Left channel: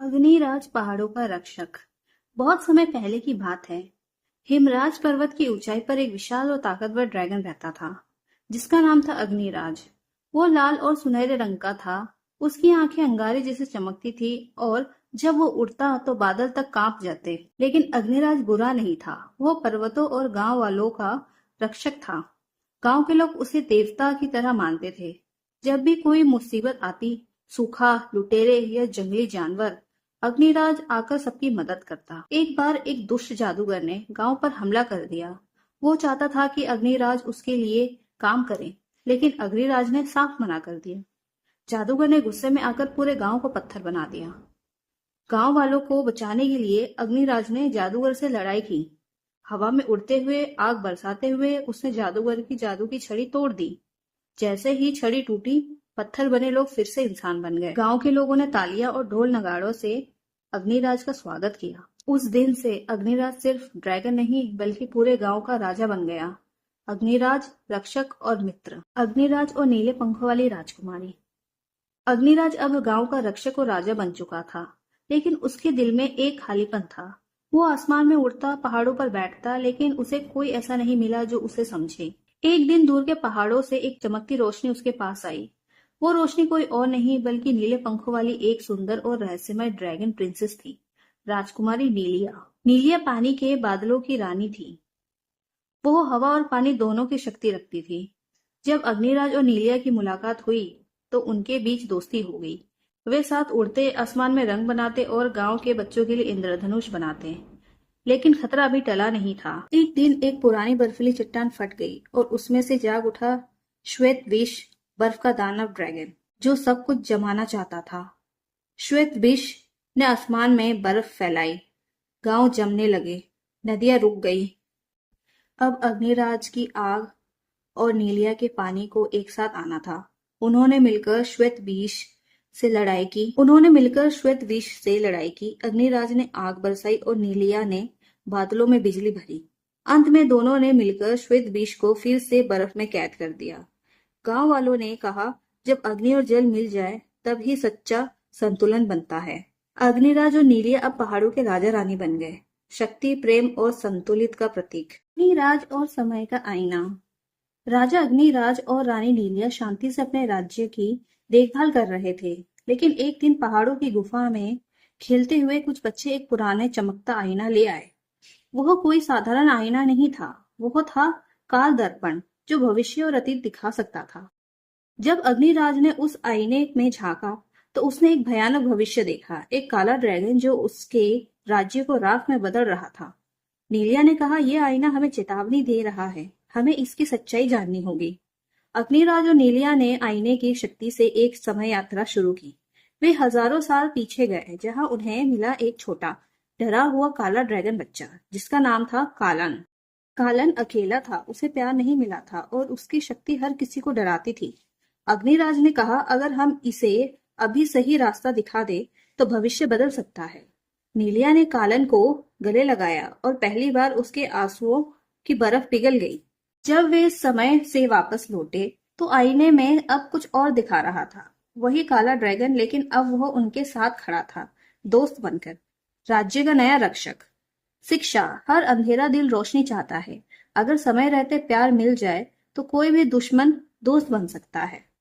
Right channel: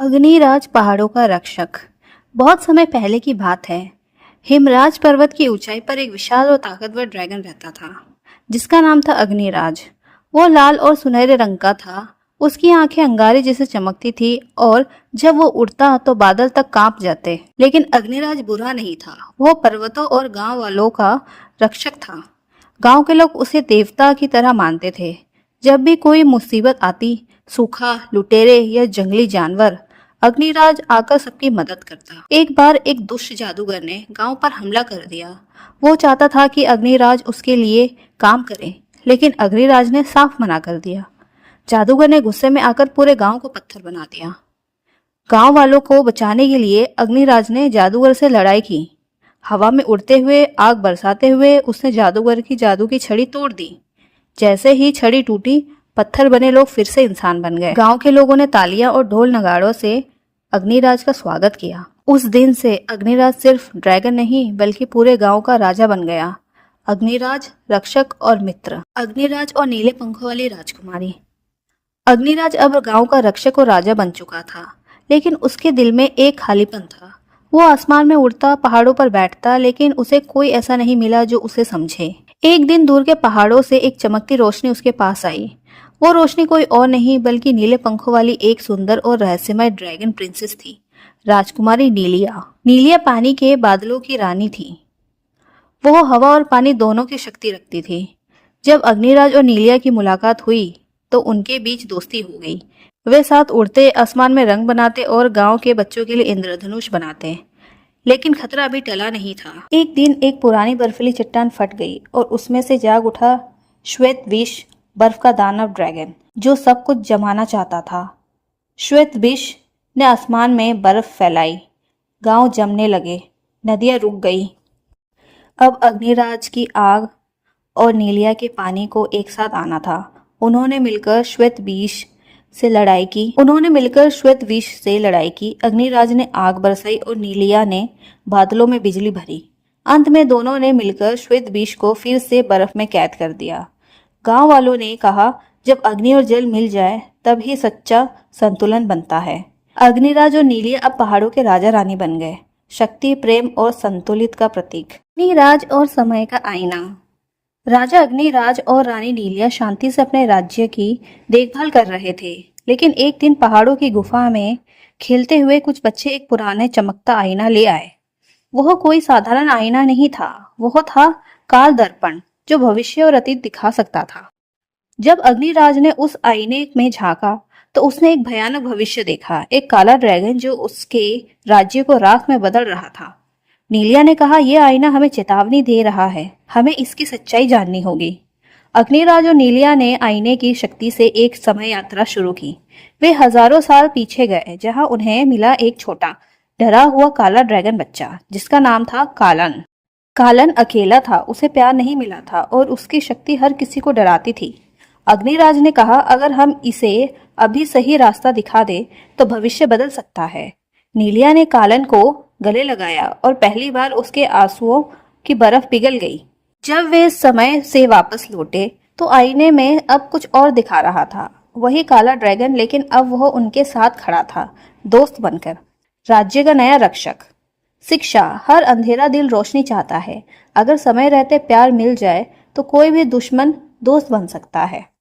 अग्निराज पहाड़ों का रक्षक। बहुत समय पहले की बात है। हिमराज पर्वत की ऊंचाई पर एक विशाल और ताकतवर ड्रैगन रहता था, जिसका नाम था अग्निराज। वो लाल और सुनहरे रंग का था। उसकी आंखें अंगारे जैसे चमकती थी और जब वो उड़ता तो बादल तक कांप जाते। लेकिन अग्निराज बुरा नहीं था। वो पर्वतों और गांव वालों का रक्षक था। गांव के लोग उसे देवता की तरह मानते थे। जब भी कोई मुसीबत आती, सूखा, लुटेरे या जंगली जानवर, अग्निराज आकर सबकी मदद करता। एक बार एक दुष्ट जादूगर ने गांव पर हमला कर दिया। वो चाहता था कि अग्निराज उसके लिए काम करे, लेकिन अग्निराज ने साफ मना कर दिया। जादूगर ने गुस्से में आकर पूरे गांव को पत्थर बना दिया। गांव वालों को बचाने के लिए अग्निराज ने जादूगर से लड़ाई की। हवा में उड़ते हुए, आग बरसाते हुए उसने जादूगर की जादू की छड़ी तोड़ दी। जैसे ही छड़ी टूटी, पत्थर बने लोग फिर से इंसान बन गए। गांव के लोगों ने तालियां और ढोल नगाड़ों से अग्निराज का स्वागत किया। उस दिन से अग्निराज सिर्फ ड्रैगन नहीं, बल्कि पूरे गांव का राजा बन गया। अग्निराज, रक्षक और मित्र। अग्निराज और नीले पंखों वाली राजकुमारी। अग्निराज अब गांव का रक्षक और राजा बन चुका था, लेकिन उसके दिल में एक खालीपन था। वो आसमान में उड़ता, पहाड़ों पर बैठता, लेकिन उसे कोई ऐसा नहीं मिला जो उसे समझे। एक दिन दूर के पहाड़ों से एक चमकती रोशनी उसके पास आई। वो रोशनी कोई और नहीं बल्कि नीले पंखों वाली एक सुंदर और रहस्यमय ड्रैगन प्रिंसेस थी, राजकुमारी नीलिया। नीलिया पानी के बादलों की रानी थी। वो हवा और पानी दोनों की शक्ति रखती थी। जब अग्निराज और नीलिया की मुलाकात हुई तो उनके बीच दोस्ती हो गई। वे साथ उड़ते, आसमान में रंग बनाते और गांव के बच्चों के लिए इंद्रधनुष बनाते। लेकिन खतरा अभी टला नहीं था। एक दिन एक पुरानी बर्फीली चट्टान फट गई और उसमें से जाग उठा श्वेत विष, बर्फ का दानव ड्रैगन, जो सब कुछ जमाना चाहता था। श्वेत विष ने आसमान में बर्फ फैलाई। गांव जमने लगे, नदियां रुक गई। अब अग्निराज की आग और नीलिया के पानी को एक साथ आना था। उन्होंने मिलकर श्वेत विष से लड़ाई की। अग्निराज ने आग बरसाई और नीलिया ने बादलों में बिजली भरी। अंत में दोनों ने मिलकर श्वेत विष को फिर से बर्फ में कैद कर दिया। गांव वालों ने कहा, जब अग्नि और जल मिल जाए तब ही सच्चा संतुलन बनता है। अग्निराज और नीलिया अब पहाड़ों के राजा रानी बन गए, शक्ति, प्रेम और संतुलित का प्रतीक। अग्निराज और समय का आईना। राजा अग्निराज और रानी नीलिया शांति से अपने राज्य की देखभाल कर रहे थे, लेकिन एक दिन पहाड़ों की गुफा में खेलते हुए कुछ बच्चे एक पुराने चमकता आईना ले आए। वह कोई साधारण आईना नहीं था, वह था काल दर्पण, जो भविष्य और अतीत दिखा सकता था। जब अग्निराज ने उस आईने में झांका तो उसने एक भयानक भविष्य देखा, एक काला ड्रैगन जो उसके राज्य को राख में बदल रहा था। नीलिया ने कहा, यह आईना हमें चेतावनी दे रहा है, हमें इसकी सच्चाई जाननी होगी। अग्निराज और नीलिया ने आईने की शक्ति से एक समय यात्रा शुरू की। वे हजारों साल पीछे गए, जहां उन्हें मिला एक छोटा, डरा हुआ काला ड्रैगन बच्चा, जिसका नाम था कालन। कालन अकेला था, उसे प्यार नहीं मिला था और उसकी शक्ति हर किसी को डराती थी। अग्निराज ने कहा, अगर हम इसे अभी सही रास्ता दिखा दे तो भविष्य बदल सकता है। नीलिया ने कालन को गले लगाया और पहली बार उसके आंसुओं की बर्फ पिघल गई। जब वे समय से वापस लौटे तो आईने में अब कुछ और दिखा रहा था, वही काला ड्रैगन, लेकिन अब वह उनके साथ खड़ा था, दोस्त बनकर, राज्य का नया रक्षक। शिक्षा। हर अंधेरा दिल रोशनी चाहता है। अगर समय रहते प्यार मिल जाए तो कोई भी दुश्मन दोस्त बन सकता है।